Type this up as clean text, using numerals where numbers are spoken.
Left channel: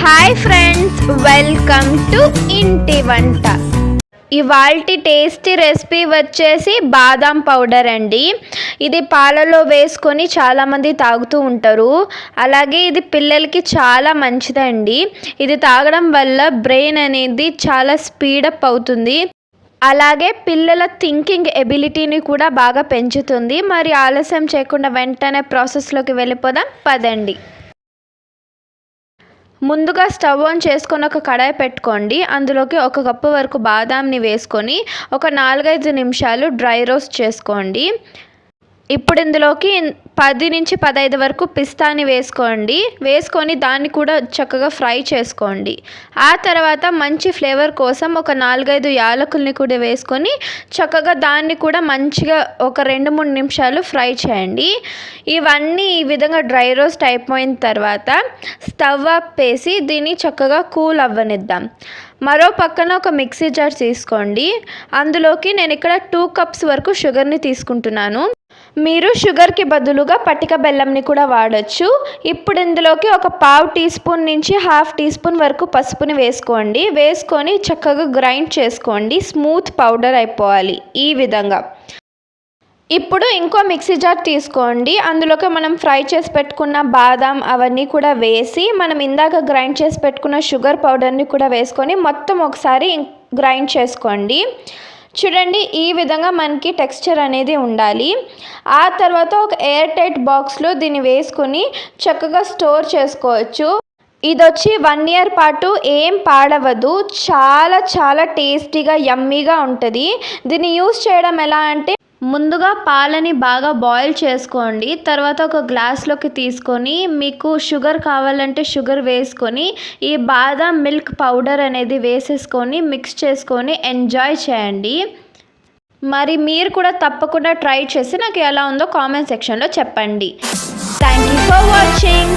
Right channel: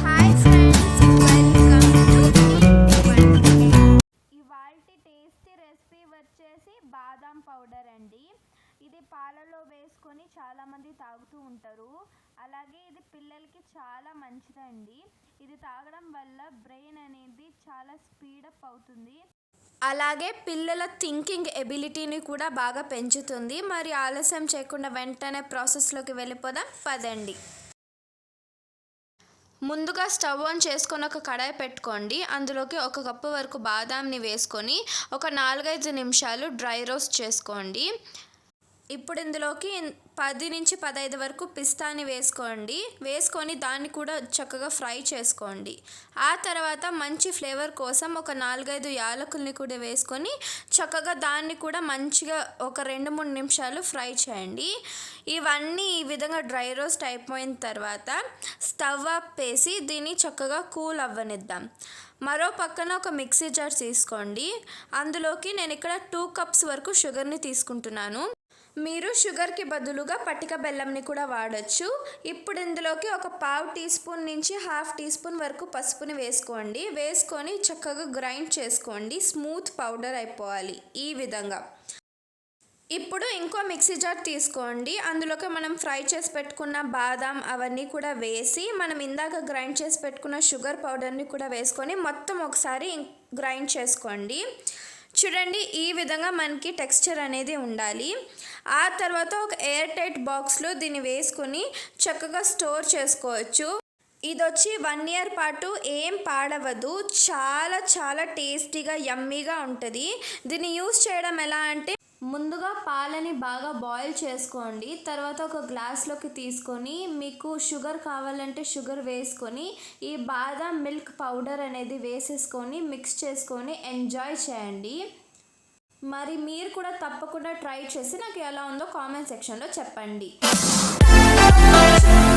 Hi friends, welcome to ఇంటి వంట. ఇవాల్టి టేస్టీ రెసిపీ వచ్చేసి బాదం పౌడర్ అండి. ఇది పాలలో వేసుకొని చాలామంది తాగుతూ ఉంటారు. అలాగే ఇది పిల్లలకి చాలా మంచిదండి. ఇది తాగడం వల్ల బ్రెయిన్ అనేది చాలా స్పీడప్ అవుతుంది. అలాగే పిల్లల థింకింగ్ ఎబిలిటీని కూడా బాగా పెంచుతుంది. మరి ఆలస్యం చేయకుండా వెంటనే ప్రాసెస్లోకి వెళ్ళిపోదాం పదండి. ముందుగా స్టవ్ ఆన్ చేసుకొని ఒక కడాయి పెట్టుకోండి. అందులోకి 1 కప్పు వరకు బాదాంని వేసుకొని ఒక 4-5 నిమిషాలు డ్రై రోస్ట్ చేసుకోండి. ఇప్పుడు ఇందులోకి 10 నుంచి 15 వరకు పిస్తాని వేసుకొని దాన్ని కూడా చక్కగా ఫ్రై చేసుకోండి. ఆ తర్వాత మంచి ఫ్లేవర్ కోసం ఒక 4-5 యాలకుల్ని కూడా వేసుకొని చక్కగా దాన్ని కూడా మంచిగా ఒక 2-3 నిమిషాలు ఫ్రై చేయండి. ఇవన్నీ ఈ విధంగా డ్రై రోస్ట్ అయిపోయిన తర్వాత స్టవ్ ఆపేసి దీన్ని చక్కగా కూల్ అవ్వనిద్దాం. మరో పక్కన ఒక మిక్సీ జార్ తీసుకోండి. అందులోకి నేను ఇక్కడ 2 కప్స్ వరకు షుగర్ని తీసుకుంటున్నాను. మీరు షుగర్కి బదులుగా పటిక బెల్లంని కూడా వాడచ్చు. ఇప్పుడు ఇందులోకి ఒక 1/2 టీ స్పూన్ నుంచి 1/2 టీ స్పూన్ వరకు పసుపుని వేసుకొని చక్కగా గ్రైండ్ చేసుకోండి. స్మూత్ పౌడర్ అయిపోవాలి ఈ విధంగా. ఇప్పుడు ఇంకో మిక్సీ జార్ తీసుకోండి. అందులోకి మనం ఫ్రై చేసి పెట్టుకున్న బాదాం అవన్నీ కూడా వేసి మనం ఇందాక గ్రైండ్ చేసి పెట్టుకున్న షుగర్ పౌడర్ని కూడా వేసుకొని మొత్తం ఒకసారి గ్రైండ్ చేసుకోండి. చూడండి, ఈ విధంగా మనకి టెక్స్చర్ అనేది ఉండాలి. ఆ తర్వాత ఒక ఎయిర్ టైట్ బాక్స్లో దీన్ని వేసుకొని చక్కగా స్టోర్ చేసుకోవచ్చు. ఇది వచ్చి 1 ఇయర్ పాటు ఏం పాడవదు. చాలా చాలా టేస్టీగా యమ్మీగా ఉంటుంది. దీన్ని యూస్ చేయడం ఎలా అంటే, ముందుగా పాలని బాగా బాయిల్ చేసుకోండి. తర్వాత ఒక గ్లాస్లోకి తీసుకొని మీకు షుగర్ కావాలంటే షుగర్ వేసుకొని ఈ బాదం మిల్క్ పౌడర్ అనేది వేసేసుకొని మిక్స్ చేసుకొని ఎంజాయ్ చేయండి. మరి మీరు కూడా తప్పకుండా ట్రై చేసి నాకు ఎలా ఉందో కామెంట్ సెక్షన్లో చెప్పండి. Thank you for watching.